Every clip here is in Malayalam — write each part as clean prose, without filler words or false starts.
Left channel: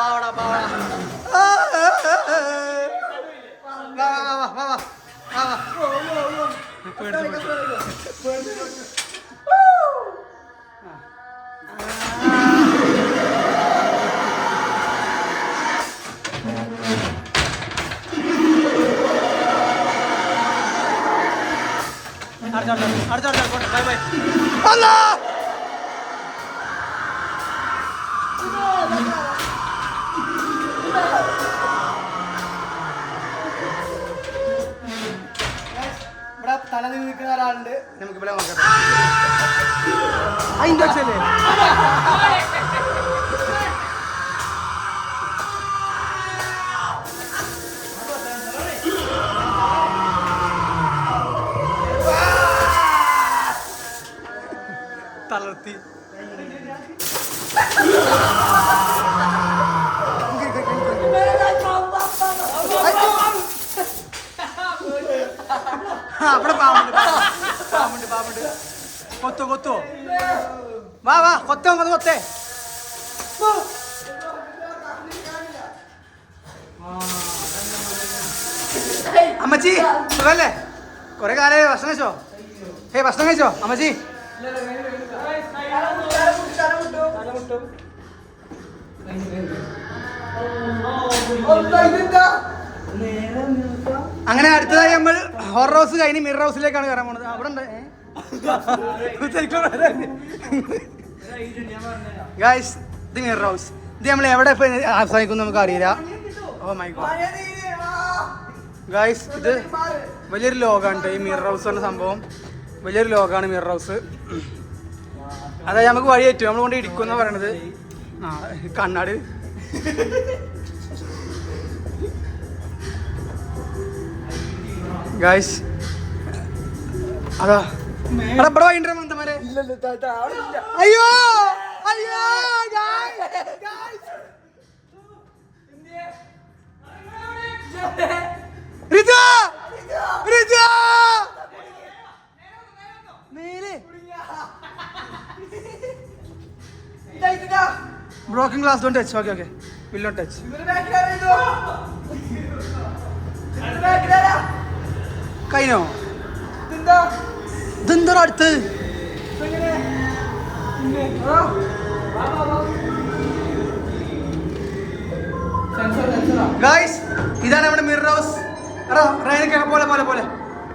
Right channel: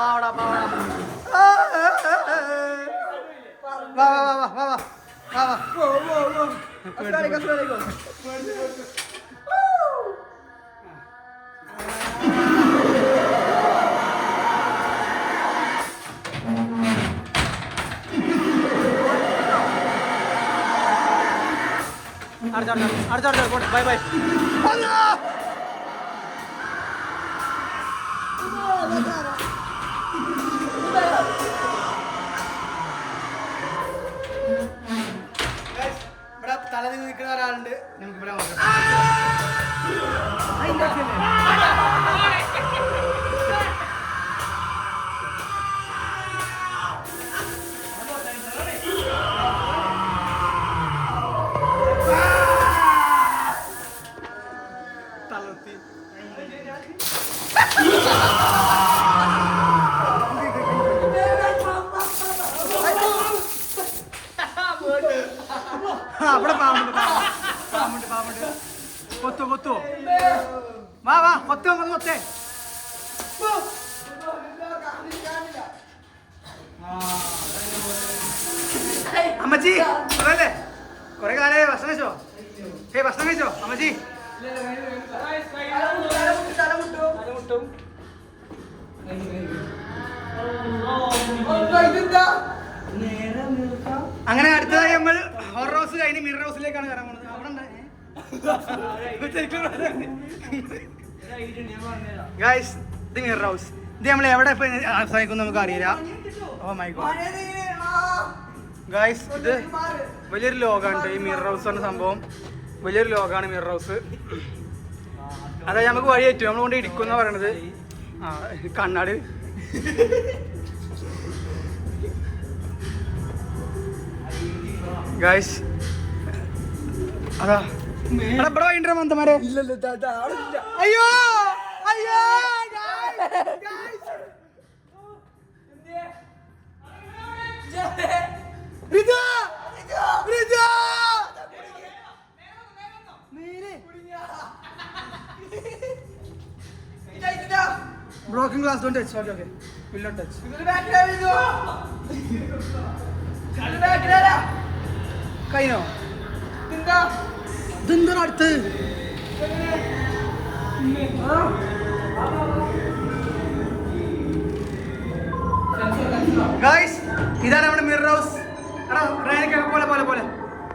പാവടാ പാവടാ വാ വാ വാ വാ വാ വാ വാ പേടിച്ചു പേടിച്ചു അടുത്ത ബൈ ബൈ അല്ലാ ഇവിടെ തല നിൽക്കുന്ന ഒരാളുണ്ട് നമുക്ക് ഇവിടെ നോക്കാം അതിൻ്റെ വെച്ചല്ലേ തളർത്തി അവിടെ പാമ്പുണ്ട് പാമ്പുണ്ട് പാമ്പുണ്ട് കൊത്തോ കൊത്തോ വാ വാ കൊത്തോ കൊന്ന് കൊത്തേ അമ്മച്ചി സുഖല്ലേ കൊറേ കാലേ ഭക്ഷണം കഴിച്ചോ ഭക്ഷണം കഴിച്ചോ അമ്മച്ചി അങ്ങനെ അടുത്തതായി നമ്മൾ ഹൊറർ ഹൗസ് കഴിഞ്ഞ് മിറർ ഹൗസിലേക്കാണ് കയറാൻ പോണത് അവിടെ ഗൈസ് ഇത് മിറർ ഹൗസ് ഇത് നമ്മൾ എവിടെ ഇപ്പൊ ആസ്വദിക്കും നമുക്ക് അറിയില്ല ഓ മൈ ഗോഡ് ഗൈസ് ഇത് വലിയൊരു ലോകമാണ് ഈ മിറർ ഹൗസ് എന്ന സംഭവം വലിയൊരു ലോകമാണ് മിറർ ഹൗസ് അതായത് നമുക്ക് വഴി പറ്റും നമ്മൾ കൊണ്ട് ഇരിക്കുന്ന പറയണത് ആ കണ്ണാട് ഗൈസ് അതാ ഇവിടെ വൈകിട്ട് മന്തമാരെ അയ്യോ അയ്യോ റിജ റിജ broken glass don't touch okay will not touch കൈനോ ഇതെന്താ അടുത്ത് ഗൈസ് ഇതാണ് നമ്മുടെ മിറർ ഹൗസ് പോലെ പോലെ പോലെ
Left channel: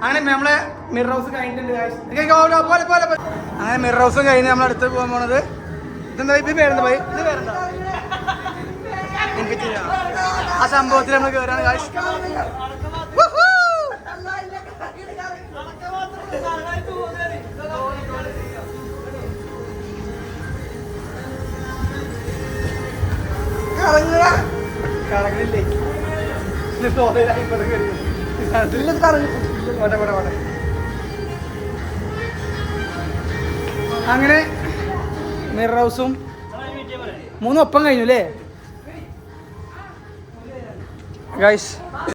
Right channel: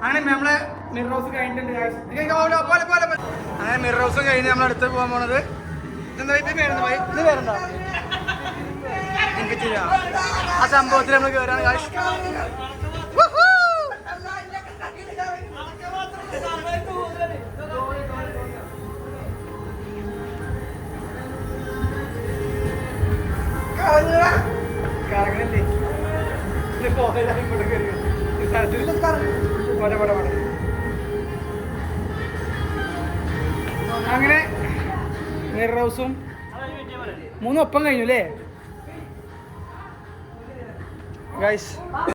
അങ്ങനെ നമ്മളെ മിറർ ഹൗസ് കഴിഞ്ഞിട്ടുണ്ട് അങ്ങനെ മിറർ ഹൗസ് കഴിഞ്ഞ് നമ്മൾ അടുത്ത് പോകാൻ പോണത് ഇതെന്താ ഇത് പേരെന്താ ഇത് പേരെന്താ എനിക്ക് ചെയ്യാം ആ സംഭവത്തിൽ നമ്മൾ കയറാണ് ഗൈസ് അങ്ങനെ മിറർ ഹൗസും 3 ഒപ്പം കഴിഞ്ഞു അല്ലേ ഗൈസ്